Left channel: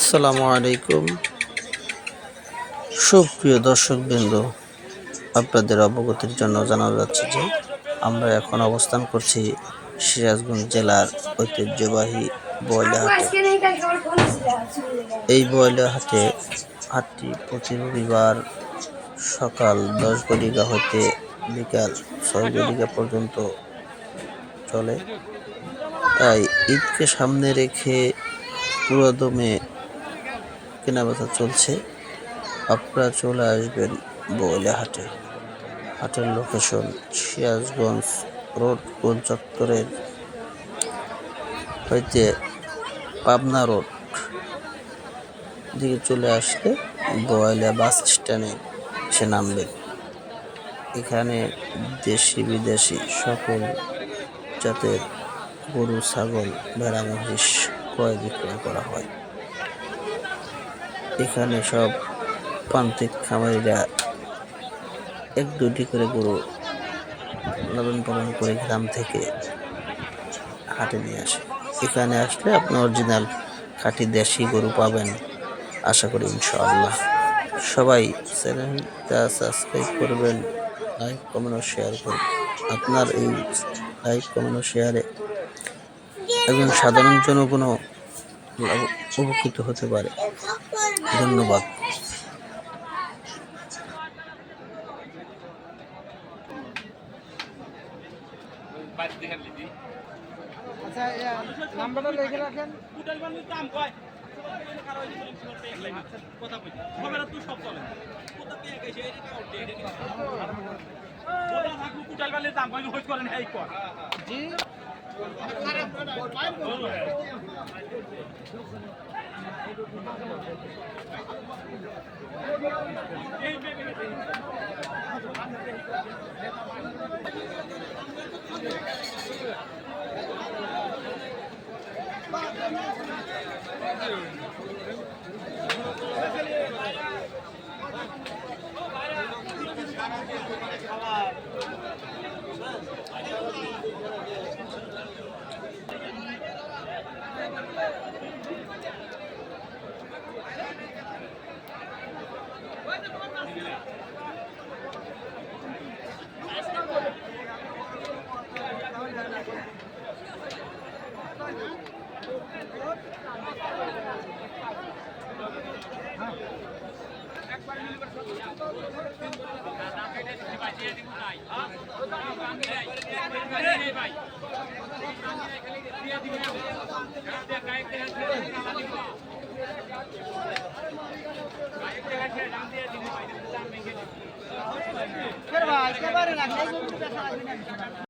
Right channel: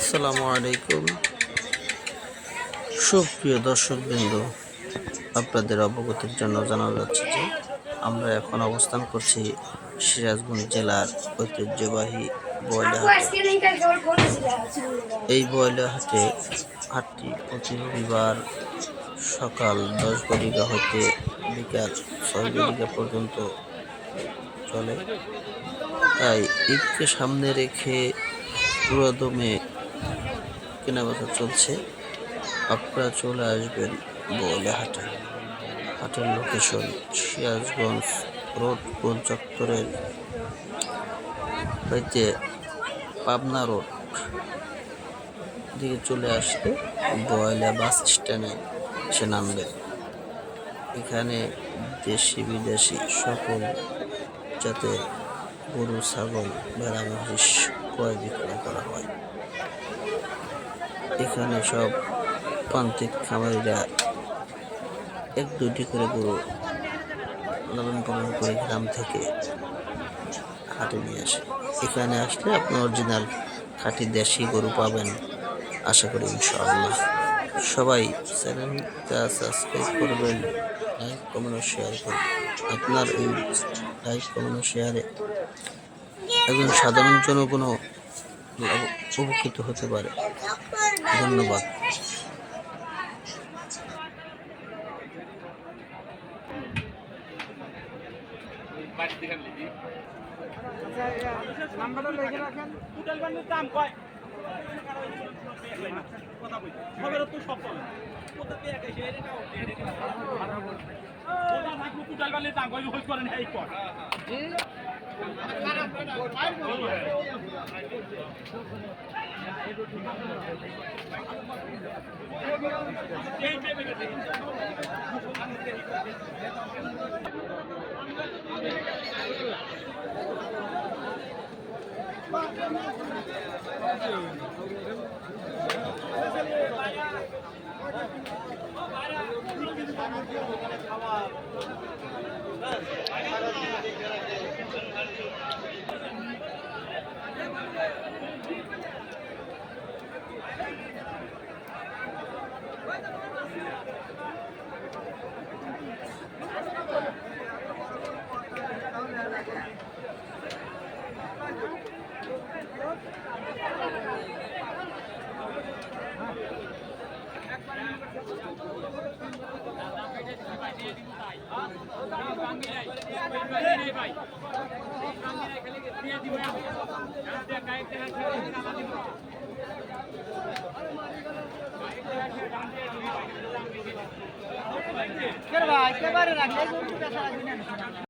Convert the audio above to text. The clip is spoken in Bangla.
আসসালামু আলাইকুম। সুপ্রিয় দর্শকবৃন্দ, আপনাদের অবগতির জন্য জানানো যাচ্ছে যে আমরা এখন অবস্থান করছি সিরাজগঞ্জ জেলার ঐতিহ্যবাহী বয়লা হাটে। এই বয়লা হাটটি প্রতি রবিবার সকাল 10 ঘটিকা হইতে বিকাল 6 ঘটিকা পর্যন্ত চলে। তাই ঈদকে সামনে রেখে পুরোদমে কেনাবেচা চলছে। আপনারা চলে আসবেন বয়লা হাটে। হাটের লোকেশন সিরাজগঞ্জ রোড গোল চত্বরের হইতে পাবনা রোড দিকে চলে আসলে বয়লা বাস স্ট্যান্ডে এসে নামবেন। এখানে দেশি বিদেশি সকল জাতের গরু, ছাগল, ভেড়া, মহিষ ক্রয় বিক্রয় করা হয়। এখানে সব প্রান্তিক খামারিরা 1-2টি করে গরু লালন পালন করে গ্রাম থেকে হাটে নিয়ে আসে। এখানে আসলে আপনি অরিজিনাল খাঁটি দেশি গরু পাবেন, আশা করি ইনশাআল্লাহ। সবাই চ্যানেলটা সাবস্ক্রাইব করবেন, লাইক কমেন্ট ও শেয়ার করবেন। আপনার এই লাইক কমেন্ট ও শেয়ারে একজন সাধারণ জনগণও উপকৃত হতে পারে। ধন্যবাদ। নাম্বারটা লিখে রাখেন। ভাই,